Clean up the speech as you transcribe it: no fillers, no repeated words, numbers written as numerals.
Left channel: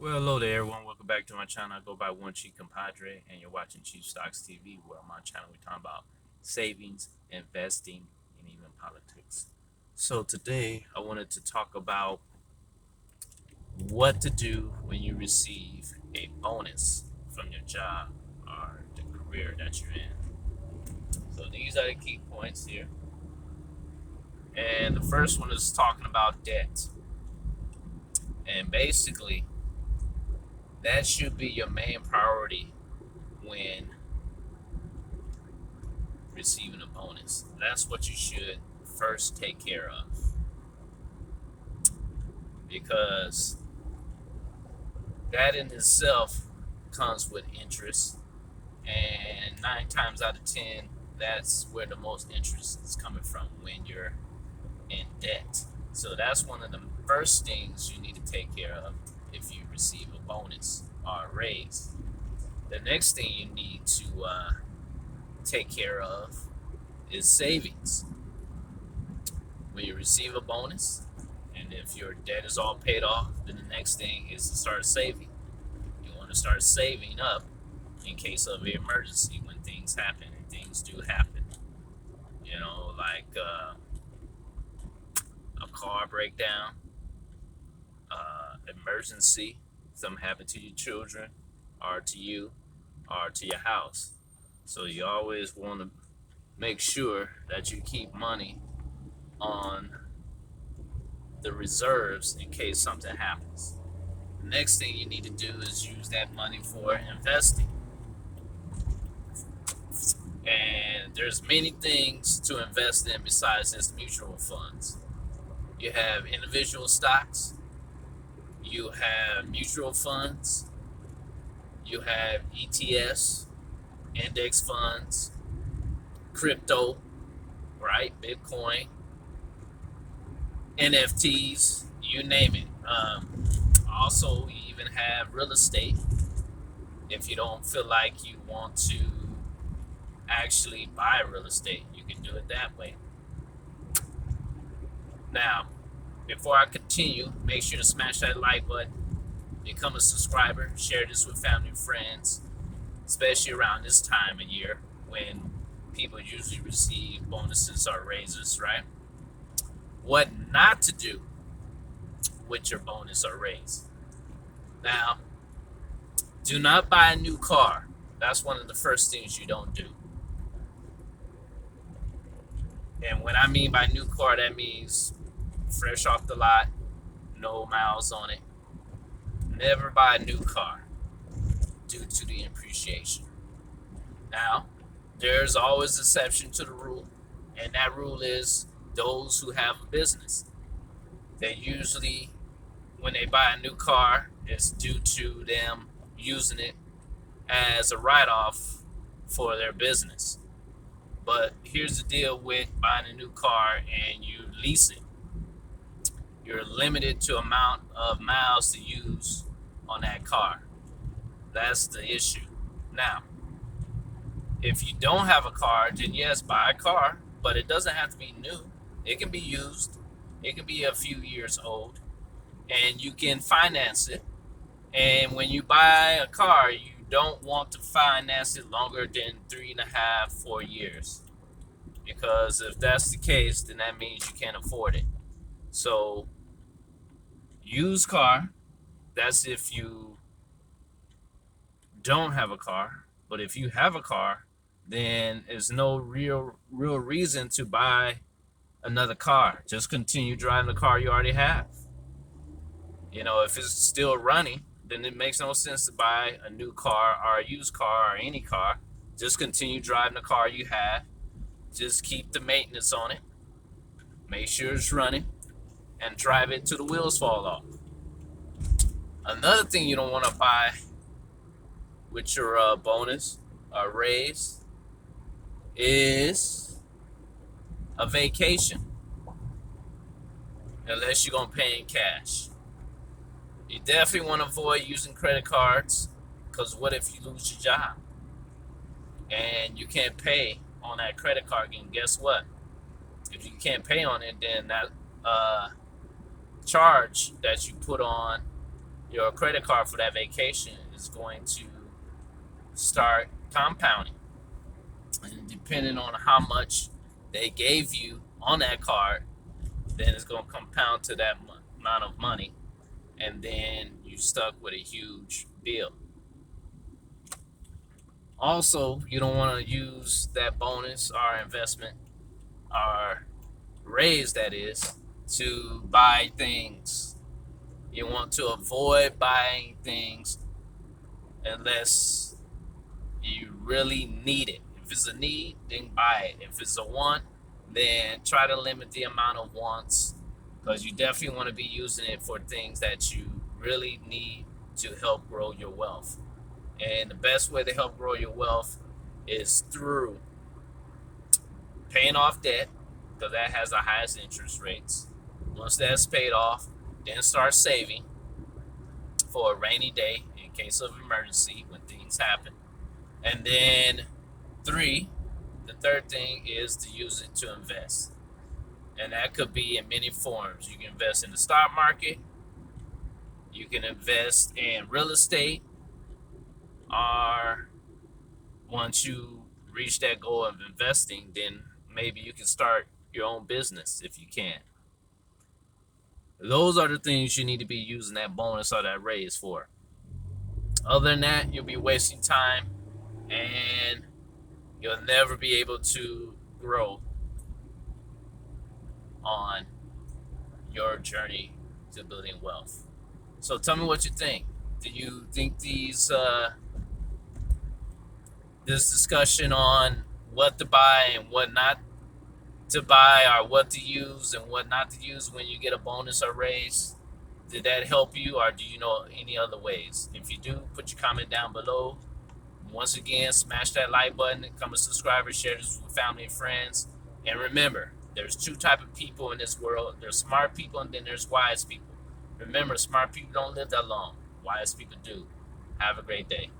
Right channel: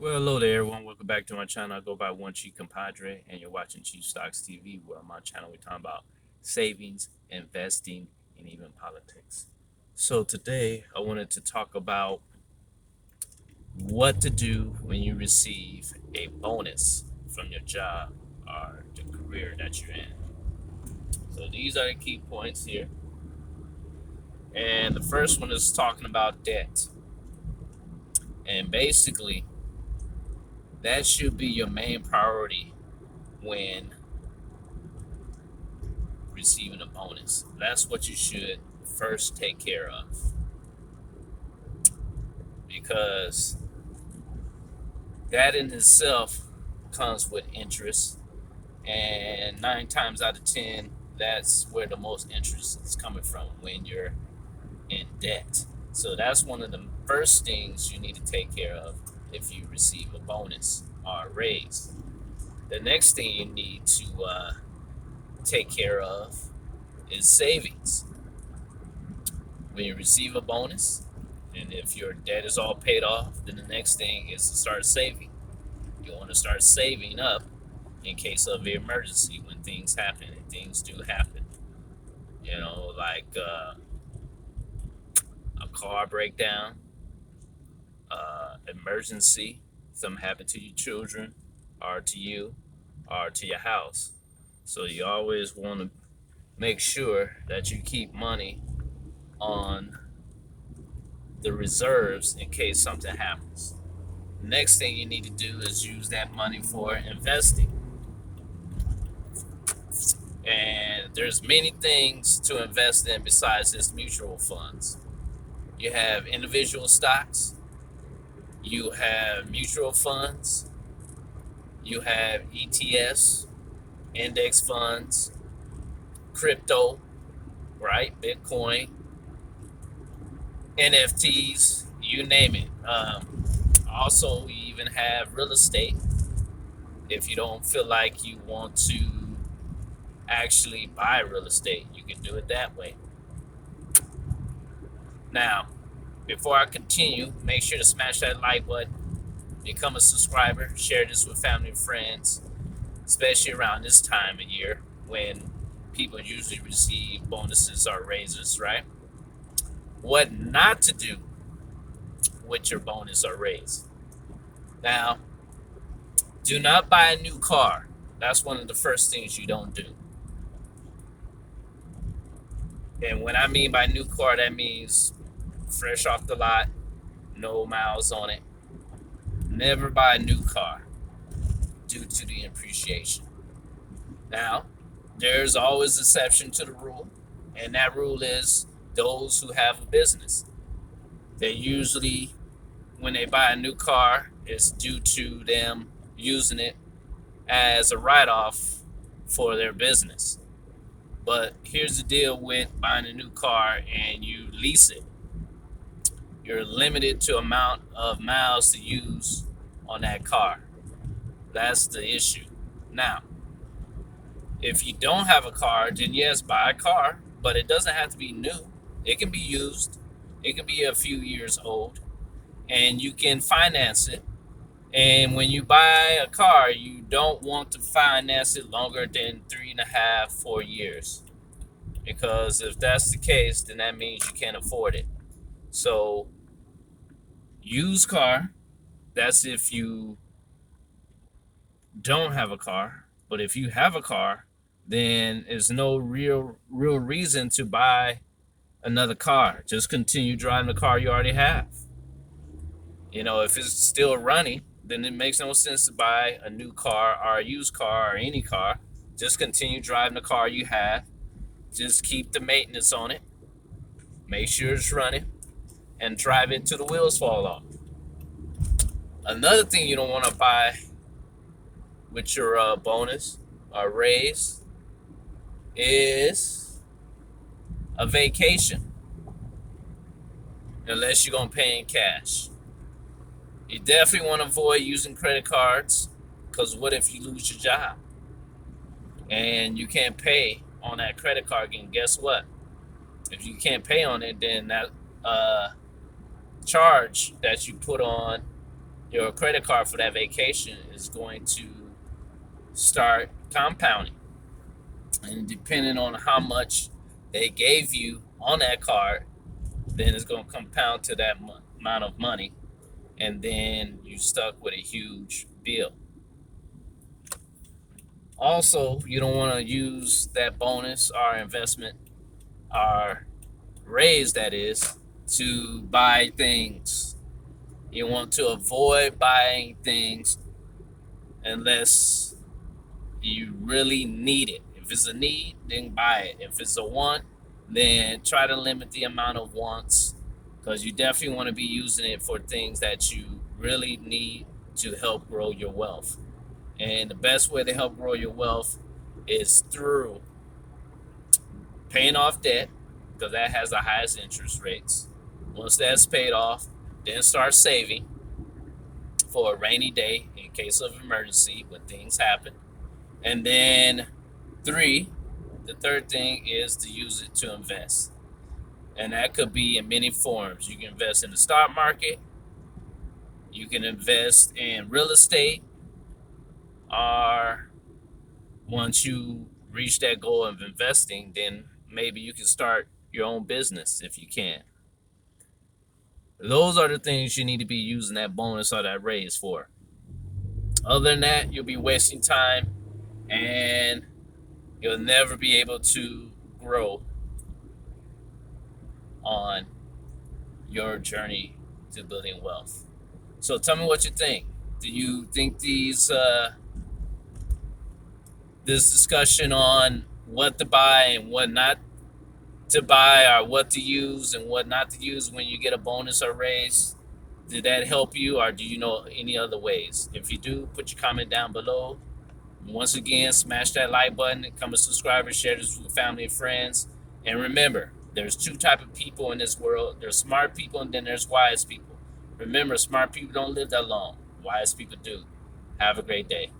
Well, hello there, everyone. Welcome back to my channel. I go by One Chief Compadre, and you're watching Chief Stocks TV, where on my channel we're talking about savings, investing, and even politics. So today, I wanted to talk about what to do when you receive a bonus from your job or the career that you're in. So these are the key points here. And the first one is talking about debt. And basically, that should be your main priority when receiving a bonus. That's what you should first take care of, because that in itself comes with interest, and 9 times out of 10 that's where the most interest is coming from when you're in debt. So that's one of the first things you need to take care of if you receive a bonus or a raise. The next thing you need to take care of is savings. When you receive a bonus, and if your debt is all paid off, then the next thing is to start saving. You want to start saving up in case of an emergency when things happen, and things do happen. Like a car breakdown, emergency, something happened to your children, or to you, or to your house. So you always want to make sure that you keep money on the reserves in case something happens. The next thing you need to do is use that money for investing. And there's many things to invest in besides just mutual funds. You have individual stocks, you have mutual funds, you have ETFs, index funds, crypto, right? Bitcoin, NFTs, you name it. Also, you even have real estate if you don't feel like you want to actually buy real estate. You can do it that way. Now, before I continue, make sure to smash that like button, become a subscriber, share this with family and friends, especially around this time of year when people usually receive bonuses or raises, right? What not to do with your bonus or raise. Now, do not buy a new car. That's one of the first things you don't do. And when I mean by new car, that means fresh off the lot, no miles on it. Never buy a new car due to the appreciation. Now, there's always an exception to the rule, and that rule is those who have a business. They usually, when they buy a new car, it's due to them using it as a write-off for their business. But here's the deal with buying a new car and you lease it. You're limited to amount of miles to use on that car. That's the issue. Now, if you don't have a car, then yes, buy a car, but it doesn't have to be new. It can be used. It can be a few years old, and you can finance it. And when you buy a car, you don't want to finance it longer than 3.5, 4 years. Because if that's the case, then that means you can't afford it. So, used car, that's if you don't have a car. But if you have a car, then there's no real reason to buy another car. Just continue driving the car you already have. If it's still running, then it makes no sense to buy a new car or a used car or any car. Just continue driving the car you have. Just keep the maintenance on it. Make sure it's running and drive it till the wheels fall off. Another thing you don't want to buy with your bonus or raise is a vacation, unless you're going to pay in cash. You definitely want to avoid using credit cards, because what if you lose your job and you can't pay on that credit card again? Guess what? If you can't pay on it, then that charge that you put on your credit card for that vacation is going to start compounding. And depending on how much they gave you on that card, then it's going to compound to that amount of money. And then you stuck with a huge bill. Also, you don't want to use that bonus or investment or raise, that is, to buy things. You want to avoid buying things unless you really need it. If it's a need, then buy it. If it's a want, then try to limit the amount of wants, because you definitely want to be using it for things that you really need to help grow your wealth. And the best way to help grow your wealth is through paying off debt, because that has the highest interest rates. Once that's paid off, then start saving for a rainy day in case of emergency when things happen. And then the third thing is to use it to invest. And that could be in many forms. You can invest in the stock market, you can invest in real estate, or once you reach that goal of investing, then maybe you can start your own business if you can. Those are the things you need to be using that bonus or that raise for. Other than that, you'll be wasting time and you'll never be able to grow on your journey to building wealth. So tell me what you think. Do you think this discussion on what to buy and what not to buy, or what to use and what not to use when you get a bonus or raise, did that help you, or do you know any other ways? If you do, put your comment down below. Once again, smash that like button, become a subscriber, share this with family and friends. And remember, there's two types of people in this world. There's smart people and then there's wise people. Remember, smart people don't live that long. Wise people do. Have a great day.